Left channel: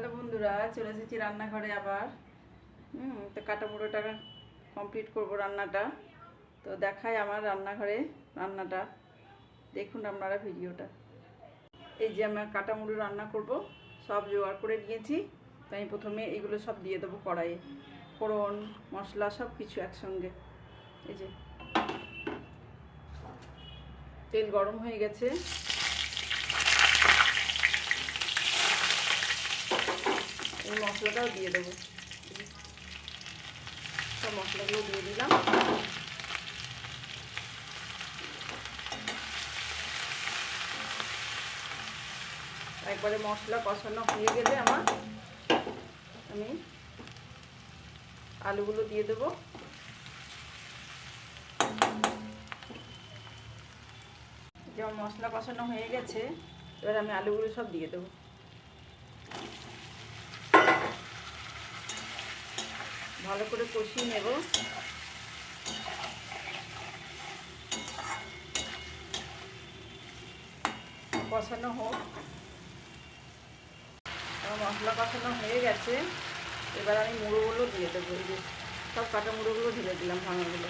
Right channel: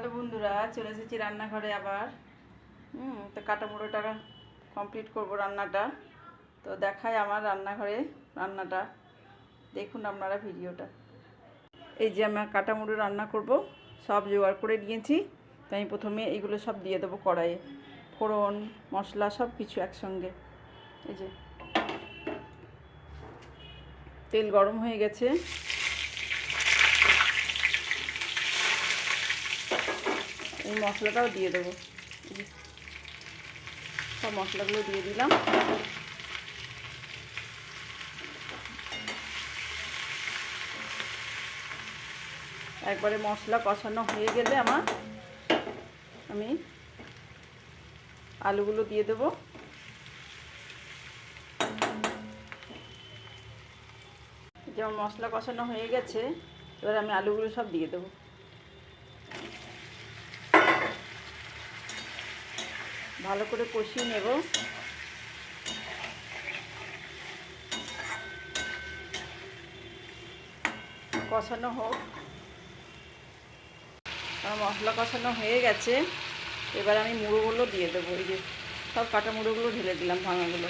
Hello বন্ধুরা, চলে এসেছি রান্নাঘরে আবার। তো কাটা মুড়োটা কমপ্লিট করব রান্নাটা। তো দেখাই আমার রান্নাঘরে রান্নাটা, দেখুন আপনারা ভিডিওটা। এই যে আমি কাটা মুড়ো রান্না করব, সব জোগাড় করে নিয়েছি। তো আমি প্রথমে এইগুলো সব দিয়ে দেবো কড়াইয়ে, ফোড়ন মশলা সব কিছু একসঙ্গে। এই যে তেল গরম হয়ে গেছে, এই মশলাটাও দিয়ে দেবো। সব মশলাগুলো দিয়ে দিলাম। একবারে মশলা কষানো হয়ে গেলে আমি আলুগুলো দিয়ে দেবো। যেমন মশলা কষানো হয়ে গেছে, এবার আমি আলুগুলো সব দিয়ে দেবো। ভালো করে কষিয়ে নেব। কষানো হোক। আমার মশলা কষানো হয়ে গেছে, এবার আমি মুড়োগুলো দিয়ে দেবো। এই যে সব কাটা মুড়োগুলো ঢেলে দিলাম, ভাঙাগুলো।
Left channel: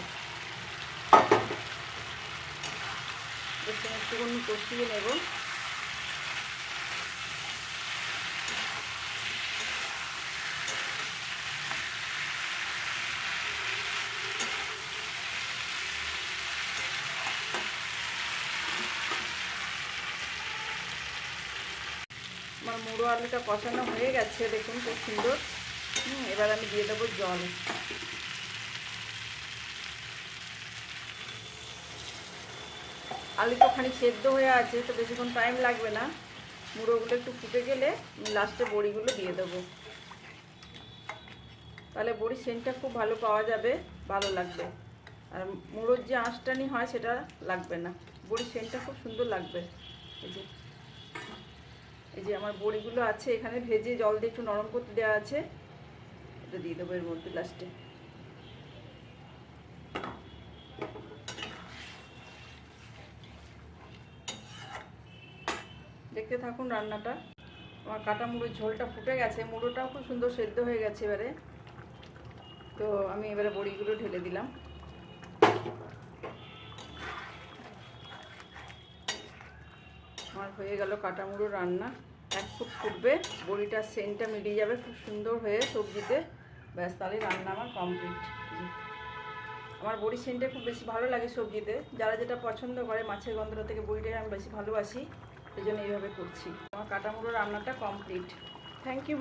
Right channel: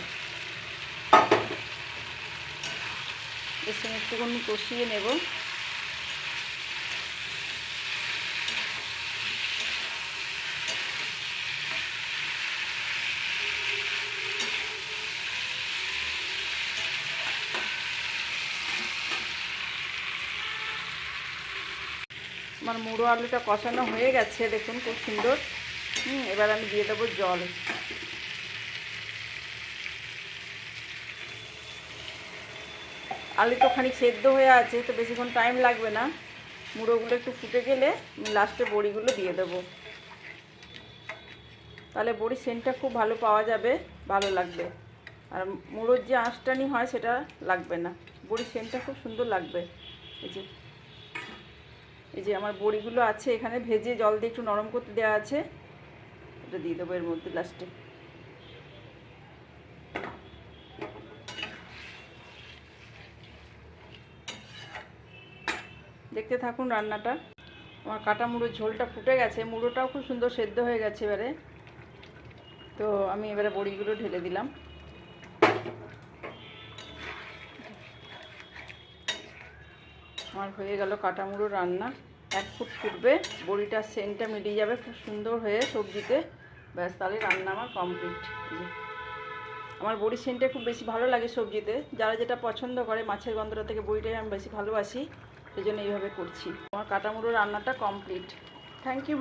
এর সঙ্গে একটুখানি কষিয়ে নেব। আমার মুড়ো আলুটা কষানো হয়ে গেছে, দেখুন খুব সুন্দর। এবার আমি দিয়ে দেবো জল। আলু তো খানিক সেদ্ধ হয়ে আছে, তো বেশিক্ষণ টাইম লাগবে না। মুড়োগুলো একটু ফুটে গেলে লাস্টে বড়িগুলো দিয়ে দেবো। তাহলে বড়ির সেন্টটা খুব ভালো পাওয়া যাবে, ভালো লাগবে। আর মুড়োর যে আঁশটানি হয় সেটা লাগবে না, বড়ির সেন্টটা খুব সুন্দর লাগবে। এই যে আমার বড়িগুলো আছে এখানে, ভেজে জল দিয়ে একটু নরম করতে দেওয়া আছে, এটা দিয়ে দেবো এর মধ্যে লাস্টে। দেখতে থাকুন রান্নাটা। আমার কাটা মুড়োর ঝোলটা ফুটে গেছে, মুড়োটাও খুব সুন্দর সেদ্ধ হয়ে গেছে এবারে। তো আমি এবারে বড়িগুলো ঢেলে দিলাম। আমার হয়ে গেল কাটা মুড়ো রান্না। এক ফুট ফুটবে, বড়িটার সেন্টটা মিলিয়ে যাবে খুব সুন্দর হয়ে সবজিতে, ব্যাস তাহলে রান্না আমার কমপ্লিট। আমার বড়ির সেন্টটা খুব বেশি ভালো লাগে সবজিতে, যারা যেটা পছন্দ করে। মাছের গন্ধটা থেকে বড়িটাই আমি বেশি ভালোবাসি, সেই জন্য এইভাবে করছি। আমার কাটা মুড়ো রান্নাটা কমপ্লিট। Thank you.